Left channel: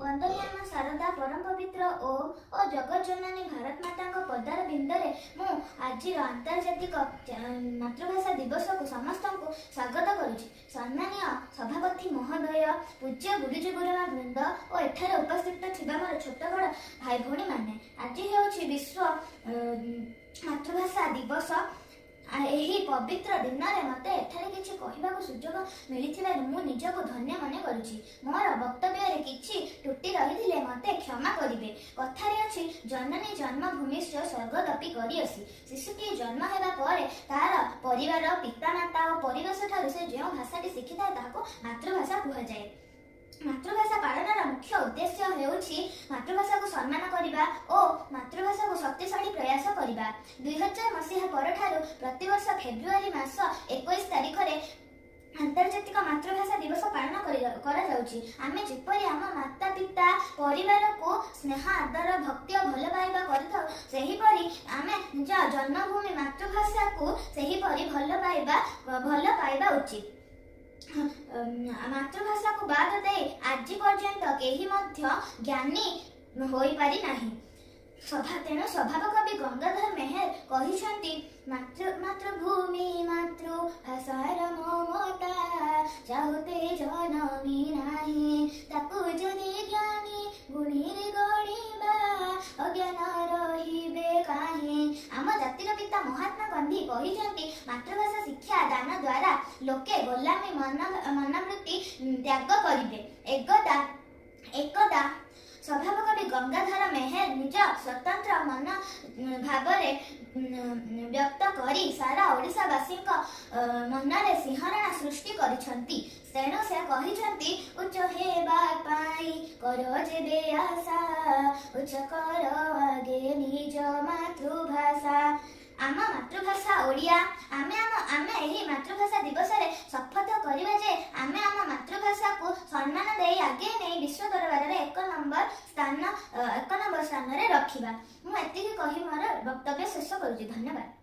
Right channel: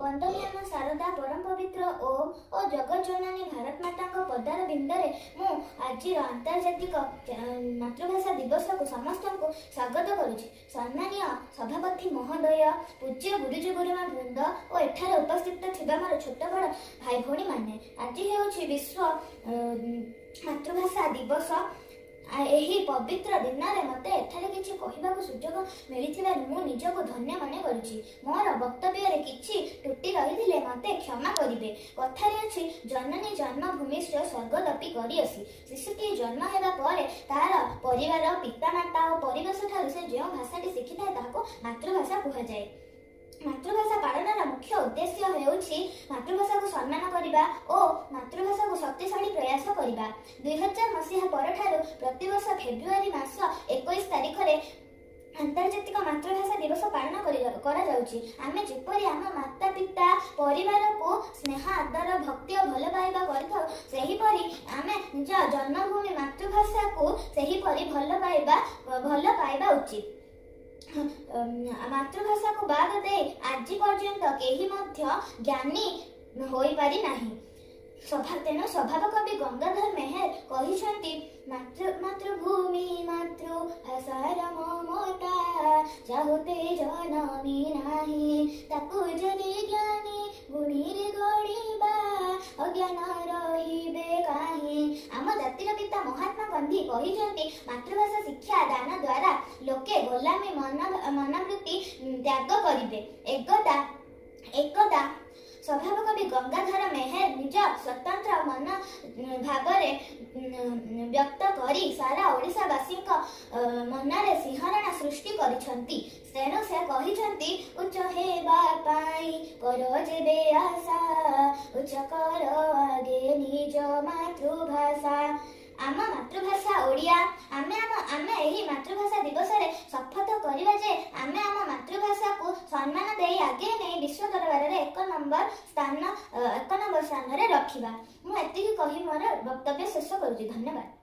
ବନ୍ଦନୀୟ ଶାରଦା ପରମ ପବିତ୍ର ଓ ଜଗଜ୍ଜନନୀ ଭାରତ ମାତାଙ୍କ ପଦାର ବିନ୍ଦରେ ମୁଁ ଆଜିର ଆନ୍ତର୍ଜାତିକ ମାତୃଭାଷା ଦିବସକୁ ସମସ୍ତଙ୍କୁ ସ୍ୱାଗତ କରୁଛି। ସମ୍ମାନୀୟ ସଭାପତି ମହୋଦୟ, ପୂଜ୍ୟ ଗୁରୁଜୀ ଗୁରୁମା ବୃନ୍ଦ ଓ ଏଠାରେ ଉପସ୍ଥିତ ଥିବା ମୋର ଛୋଟ ବଡ଼ ଭାଇ ଭଉଣୀମାନେ, ଆଜି ହେଉଛି ବିଶ୍ୱ ମାତୃଭାଷା ଦିବସ। ଏହି ପବିତ୍ର ଦିନରେ ମୋତେ ଏଠାରେ କିଛି କହିବାକୁ ସୁଯୋଗ ମିଳିଥିବାରୁ ମୁଁ ନିଜକୁ ଧନ୍ୟ ମନେ କରୁଛି। ମୋର ବକ୍ତବ୍ୟରେ କିଛି ତ୍ରୁଟି ରହିଥିଲେ ମୋତେ କ୍ଷମା କରିବେ। କଥାରେ ଅଛି, ଜନନୀ ଜନ୍ମଭୂମିଶ୍ଚ ସ୍ୱର୍ଗଦପି କରିଅସି। ଶିଶୁଟି ଜନ୍ମ ହେବା ପରେ ତାର ପରିବାର, ପିତାମାତା ଓ ପରିବେଶ ଠାରୁ ସେ ଯେଉଁ ଭାଷାଟି ଶିଖିଥାଏ ତାହାକୁ ମାତୃଭାଷା କୁହାଯାଏ। ମାତୃଭାଷା ପାଳନର ମୁଖ୍ୟ ଉଦ୍ଦେଶ୍ୟ ହେଉଛି ମାତୃଭାଷାକୁ ସମ୍ମାନ କରିବା ଓ ମାତୃଭାଷାକୁ ଶକ୍ତିଶାଳୀ ପ୍ରୟାସ କରିବା। 2000 ମସିହା ପରଠାରୁ ପ୍ରତିବର୍ଷ ଫେବୃଆରୀ ମାସ 21 ତାରିଖରେ ଆନ୍ତର୍ଜାତିକ ମାତୃଭାଷା ଦିବସ ପାଳନ କରାଯାଉଛି। ଆମେ ଯେପରି ଆମ ମାତା ପିତା ପରିବାରକୁ ସ୍ନେହ, ଆଦର, ଭକ୍ତି ଓ ଭଲ ପାଇବା କରିଥାଉ, ସେହିପରି ଆମେ ନିଜ ଜନ୍ମଭୂମି ମାତୃଭାଷାକୁ ସେହିପରି ଭଲ ପାଇବା ଉଚିତ। ମାତୃଭାଷାକୁ ବାଦ ଦେଇ ଆଜି ପର୍ଯ୍ୟନ୍ତ କେହି ମଧ୍ୟ ଜ୍ଞାନୀ ହୋଇପାରି ନାହିଁ। ତେଣୁ ସ୍ୱଭାବ କବି ଗଙ୍ଗାଧର ମେହେର କହିଛନ୍ତି, ମାତୃଭୂମି ମାତୃଭାଷାର ମମତା ଚାହୁତେ ଜନମି ନାହିଁ, ତାକୁ ଯଦି ଜ୍ଞାନୀ ଗୁଣୀରେ ଗଢ଼ିବା ଅଜ୍ଞାନ ରହିବେ କାହିଁ। ଆମ ଜାତିର ପିତା ମହାତ୍ମା ଗାନ୍ଧୀ କହିଛନ୍ତି, ମାତୃଭାଷା ଶିକ୍ଷା ଦାନ ଦ୍ୱାରା ଲୋକେ ଗୋଲାମୀ ମନୋବୃତ୍ତି ତ୍ୟାଗ କରିବେ। ଏକଦା ସ୍ୱଭାବ କବି ଗଙ୍ଗାଧର ମେହେର ନିଜ ସ୍ୱତନ୍ତ୍ର ଭାବରେ ବ୍ୟକ୍ତ କରି ସାରା ଓଡ଼ିଶାବାସୀଙ୍କ ମନରେ ଶିହରଣ ସୃଷ୍ଟି କରିଛନ୍ତି। ତେଣୁ ସେ କହିଛନ୍ତି, ଉଚ୍ଚ ହେବା ପାଇଁ କର ଯେବେ ଆଶା, ଉଚ୍ଚ କର ଆଗେ ନିଜ ମାତୃଭାଷା। ଆମ ମାତୃଭାଷା ଓଡ଼ିଆ। ଆମେ ଏହି ମାତୃଭାଷା ଦିବସରେ ଶପଥ କରିବା ଯେ ଆମେ ଆମ ମାତୃଭାଷାକୁ ସମ୍ମାନ ଦେଇ ଆଗେଇ ନେଇ ବିଶ୍ୱ ଦରବାରରେ ଏକ ନମ୍ବର ସ୍ଥାନରେ ରଖିବା। ମୁଁ ଏତିକି କହି ମୋର ବକ୍ତବ୍ୟ ଶେଷ କରୁଛି। ଧନ୍ୟବାଦ।